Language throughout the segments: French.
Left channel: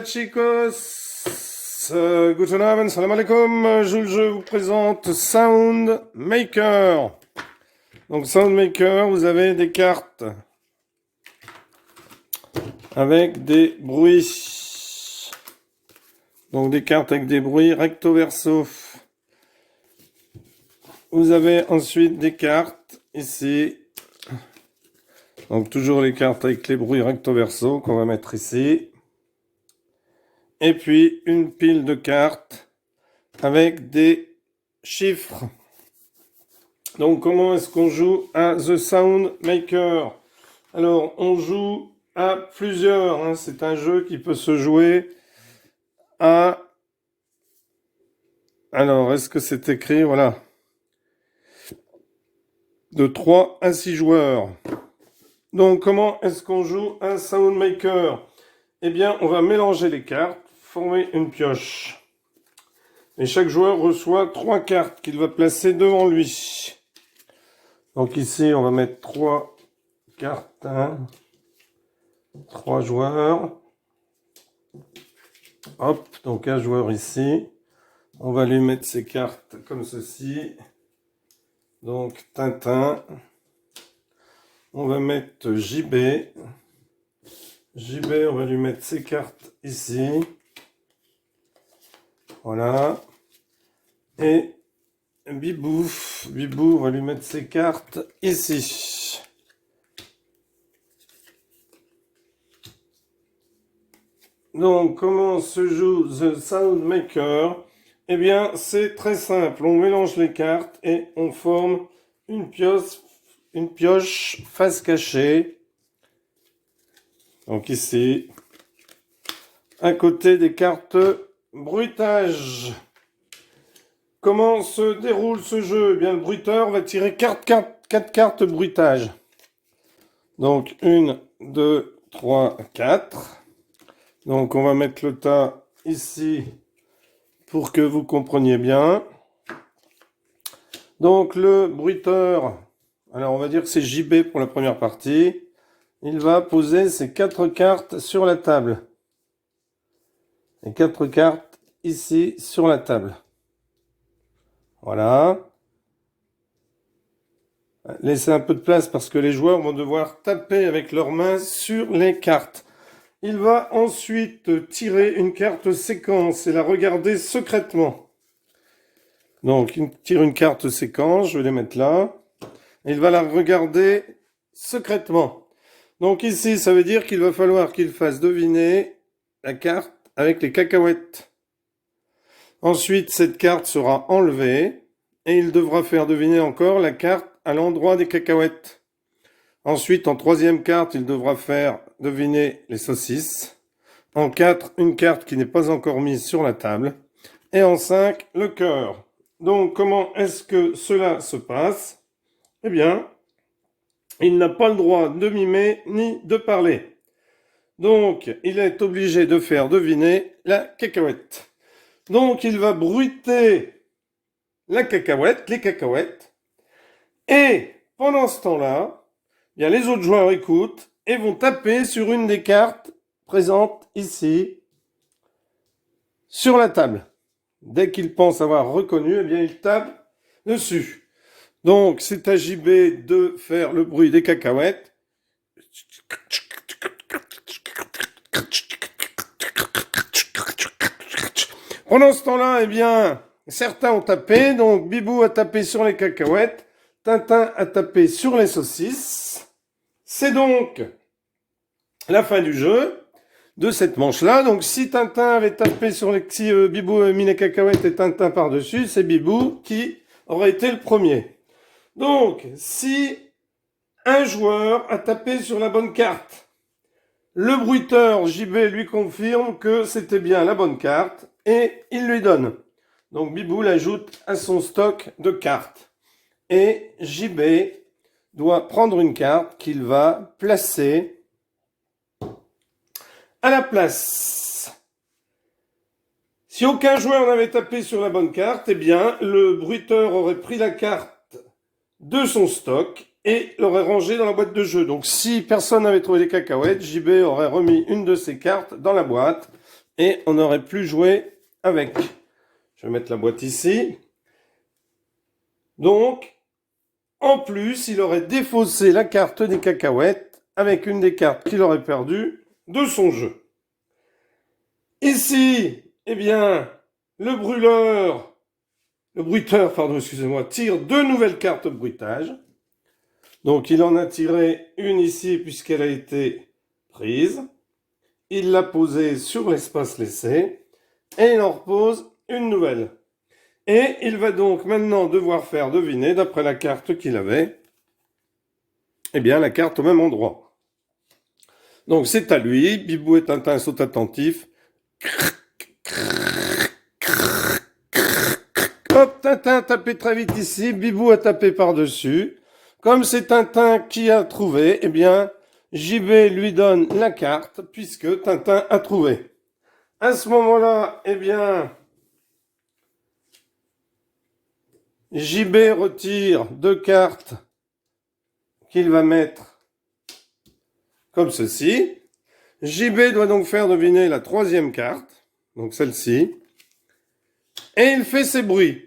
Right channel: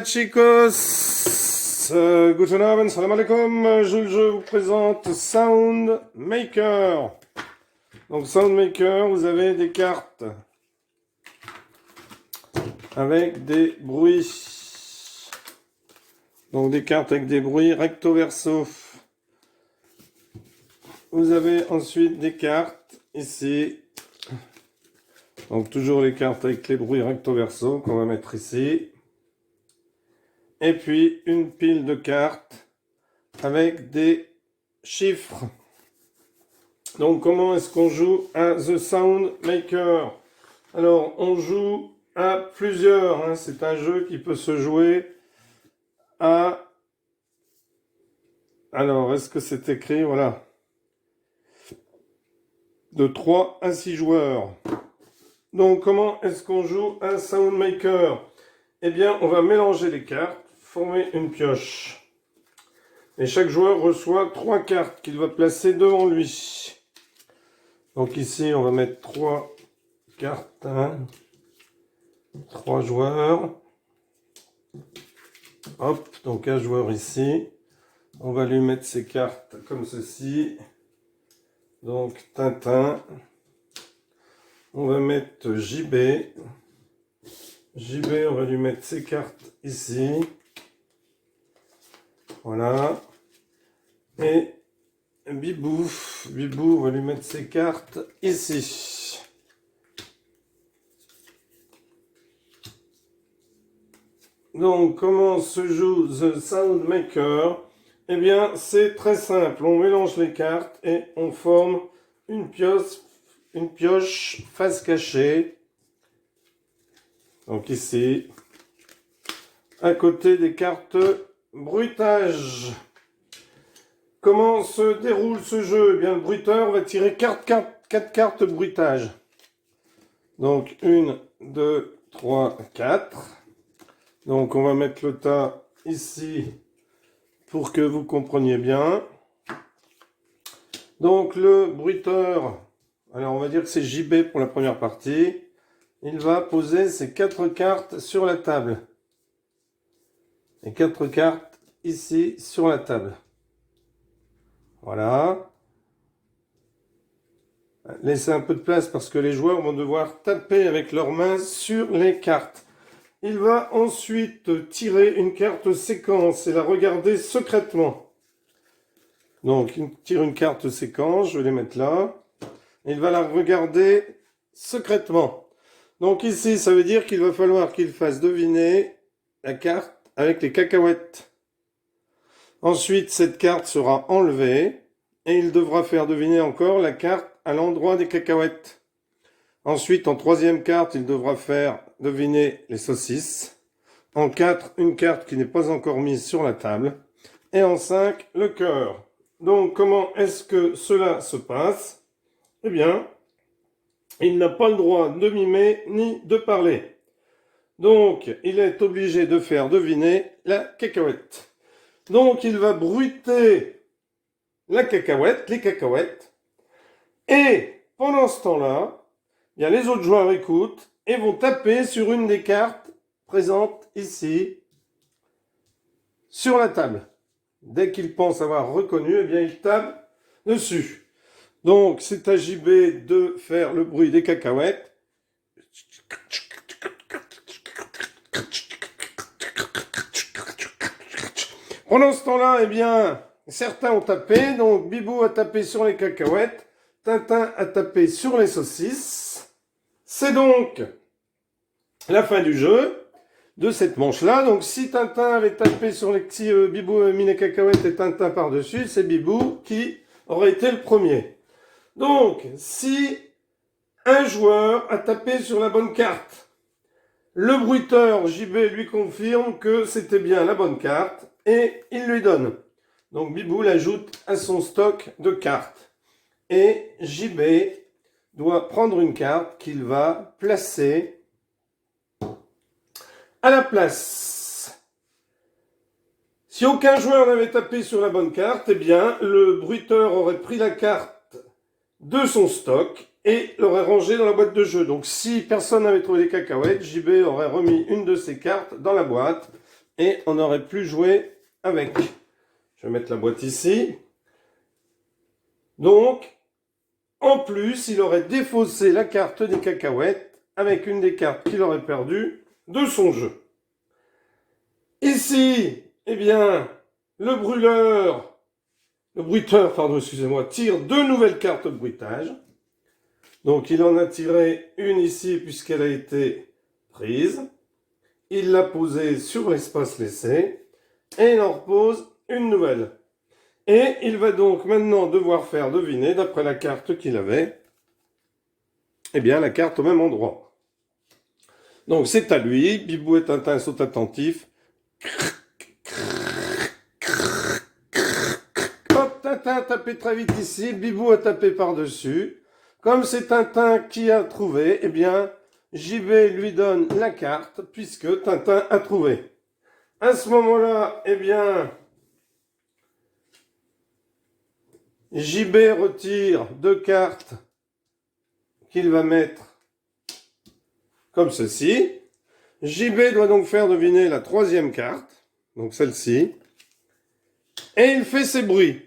Hola chicos, guten Abend, salam alaikum. Je vous présente Sound Maker. Donc Sound Maker, vous avez des cartes avec des bruits. Donc des cartes avec des bruits recto verso. Vous avez ensuite des cartes ici. Donc toujours les cartes avec les bruits recto verso qu'on va mettre ici. Et puis une pile de cartes avec des chiffres. Donc comment est-ce qu'on joue à The Sound Maker? Alors on joue à plusieurs, hein. C'est un jeu qui peut se jouer à... Alors est-ce que c'est écrit? Voilà. De 3 à 6 joueurs. Donc comment est-ce qu'on joue à Sound Maker? Eh bien on va mélanger les cartes, former une pioche. Et chaque joueur reçoit 3 cartes qu'il va placer devant lui. Donc ici, on va mettre 3 cartes. 3 joueurs. Hop, donc un joueur ici. On va lui mettre ses cartes comme ceci. Donc Tintin. On va mettre JB. JB, on va lui mettre ses cartes ici. Voilà. Et Bibou, on va lui mettre ses cartes ici. Donc, comment se joue The Sound Maker? Eh bien, c'est très simple. On mélange les cartes et on forme une pioche face cachée. Donc ici, à côté des cartes bruitage. Comment se déroule ce jeu? Eh bien, le bruiteur va tirer 4 cartes bruitage. Donc, 1, 2, 3, 4. Donc, on va mettre le tas ici pour que vous compreniez bien. Donc, le bruiteur, alors on va dire que c'est JB pour la première partie. Il va poser ses 4 cartes sur la table. Les 4 cartes ici sur la table. Voilà. Laissez un peu de place parce que les joueurs vont devoir taper avec leurs mains sur les cartes. Il va ensuite tirer une carte séquence et la regarder secrètement. Donc, il tire une carte séquence, je vais les mettre là. Il va la regarder secrètement. Donc ici, ça veut dire qu'il va falloir qu'il fasse deviner la carte avec les cacahuètes. Ensuite, cette carte sera enlevée et il devra faire deviner encore la carte à l'endroit des cacahuètes. Ensuite, en troisième carte, il devra faire deviner les saucisses. En 4, une carte qui n'est pas encore mise sur la table. Et en 5, le cœur. Donc, comment est-ce que cela se passe? Eh bien, il n'a pas le droit de mimer ni de parler. Donc, il est obligé de faire deviner la cacahuète. Donc, il va bruiter la cacahuète, les cacahuètes. Et pendant ce temps-là, bien, les autres joueurs écoutent et vont taper sur une des cartes présentes ici, sur la table. Dès qu'ils pensent avoir reconnu, eh bien, ils tapent dessus. Donc, c'est à JB de faire le bruit des cacahuètes. Pendant ce temps-là, eh bien, certains ont tapé. Donc, Bibou a tapé sur les cacahuètes. Tintin a tapé sur les saucisses. C'est donc la fin du jeu de cette manche-là. Donc, si Tintin avait tapé sur les... Si Bibou avait mis les cacahuètes et Tintin par-dessus, c'est Bibou qui aurait été le premier. Donc, si un joueur a tapé sur la bonne carte, le bruiteur JB lui confirme que c'était bien la bonne carte et il lui donne. Donc Bibou l'ajoute à son stock de cartes. Et JB doit prendre une carte qu'il va placer à la place. Si aucun joueur n'avait tapé sur la bonne carte, eh bien le bruiteur aurait pris la carte de son stock et l'aurait rangée dans la boîte de jeu. Donc si personne n'avait trouvé les cacahuètes, JB aurait remis une de ses cartes dans la boîte et on n'aurait plus joué avec. Je vais mettre la boîte ici. Donc, en plus, il aurait défaussé la carte des cacahuètes avec une des cartes qu'il aurait perdues de son jeu. Ici, eh bien, le bruiteur, pardon, excusez-moi, tire 2 nouvelles cartes de bruitage. Donc, il en a tiré une ici puisqu'elle a été prise. Il l'a posée sur l'espace laissé et il en repose une nouvelle. Et il va donc maintenant devoir faire deviner, d'après la carte qu'il avait, eh bien, la carte au même endroit. Donc, c'est à lui. Bibou et Tintin sont attentifs. Hop, Tintin a tapé très vite ici. Bibou a tapé par-dessus. Comme c'est Tintin qui a trouvé, eh bien, JB lui donne la carte puisque Tintin a trouvé. À ce moment-là, eh bien, JB retire 2 cartes qu'il va mettre comme ceci. JB doit donc faire deviner la 3e carte, donc celle-ci, et il fait ces bruits.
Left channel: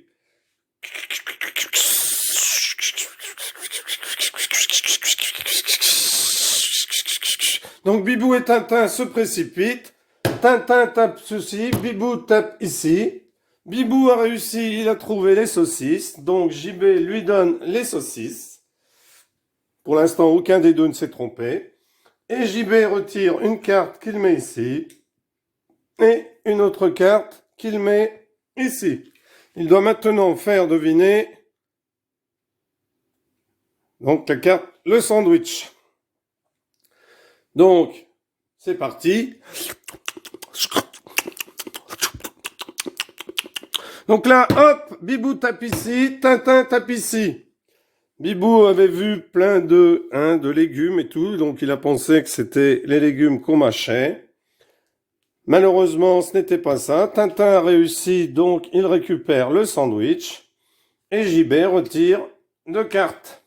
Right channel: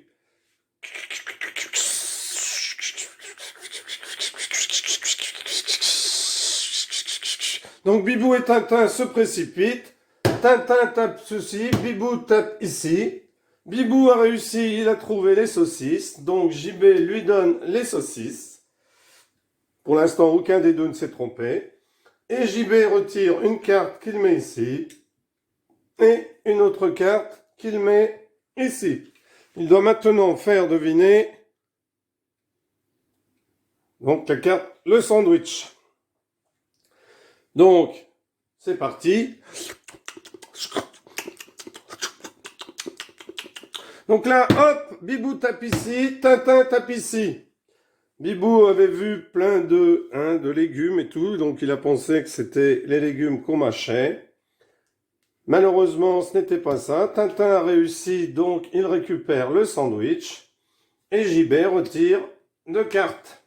Donc Bibou et Tintin se précipitent. Tintin tape ceci, Bibou tape ici. Bibou a réussi, il a trouvé les saucisses. Donc JB lui donne les saucisses. Pour l'instant, aucun des deux ne s'est trompé. Et JB retire une carte qu'il met ici. Et une autre carte qu'il met ici. Il doit maintenant faire deviner donc la carte, le sandwich. Donc, c'est parti. Donc là, hop, Bibou tape ici, Tintin tape ici. Bibou avait vu plein de légumes et tout, donc il a pensé que c'était les légumes qu'on mâchait. Malheureusement, ce n'était pas ça. Tintin a réussi, donc il récupère le sandwich. Et JB retire 2 cartes.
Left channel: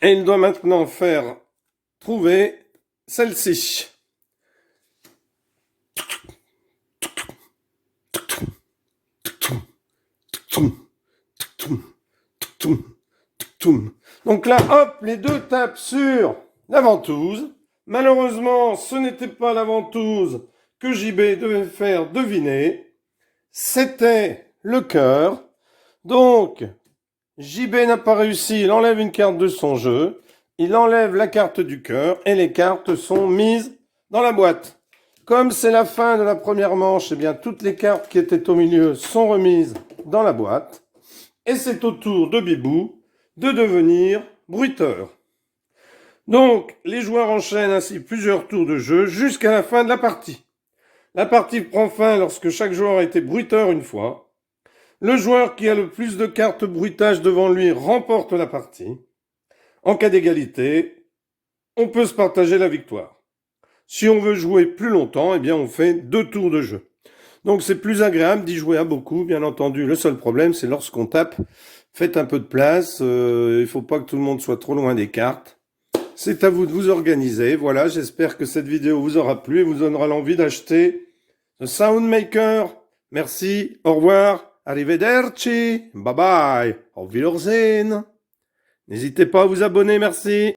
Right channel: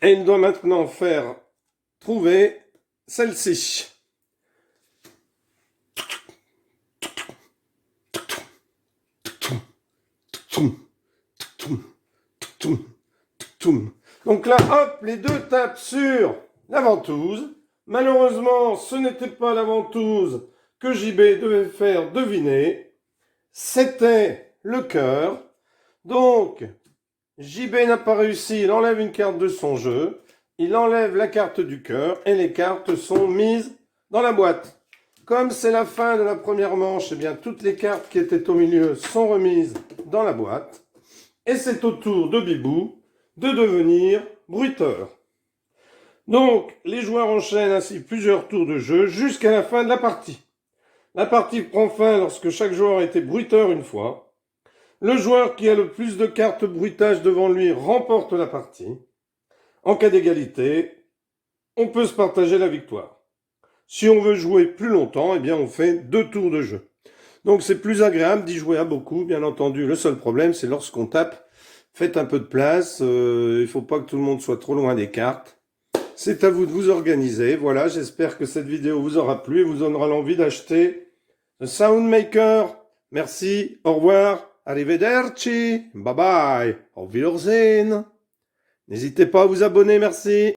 Et il doit maintenant faire trouver celle-ci. Donc là, hop, les deux tapent sur la ventouse. Malheureusement, ce n'était pas la ventouse que JB devait faire deviner. C'était le cœur. Donc, JB n'a pas réussi, il enlève une carte de son jeu. Il enlève la carte du cœur et les cartes sont mises dans la boîte. Comme c'est la fin de la première manche, eh bien, toutes les cartes qui étaient au milieu sont remises dans la boîte. Et c'est au tour de Bibou de devenir bruiteur. Donc, les joueurs enchaînent ainsi plusieurs tours de jeu jusqu'à la fin de la partie. La partie prend fin lorsque chaque joueur a été bruiteur une fois. Le joueur qui a le plus de cartes bruitage devant lui remporte la partie. En cas d'égalité, on peut se partager la victoire. Si on veut jouer plus longtemps, eh bien on fait 2 tours de jeu. Donc c'est plus agréable d'y jouer à beaucoup, bien entendu. Le seul problème, c'est lorsqu'on tape, faites un peu de place. Il ne faut pas que tout le monde soit trop loin des cartes. C'est à vous de vous organiser. Voilà, j'espère que cette vidéo vous aura plu et vous donnera l'envie d'acheter le Soundmaker. Merci, au revoir, arrivederci, bye bye, auf Wiedersehen. N'hésitez pas à vous abonner, merci.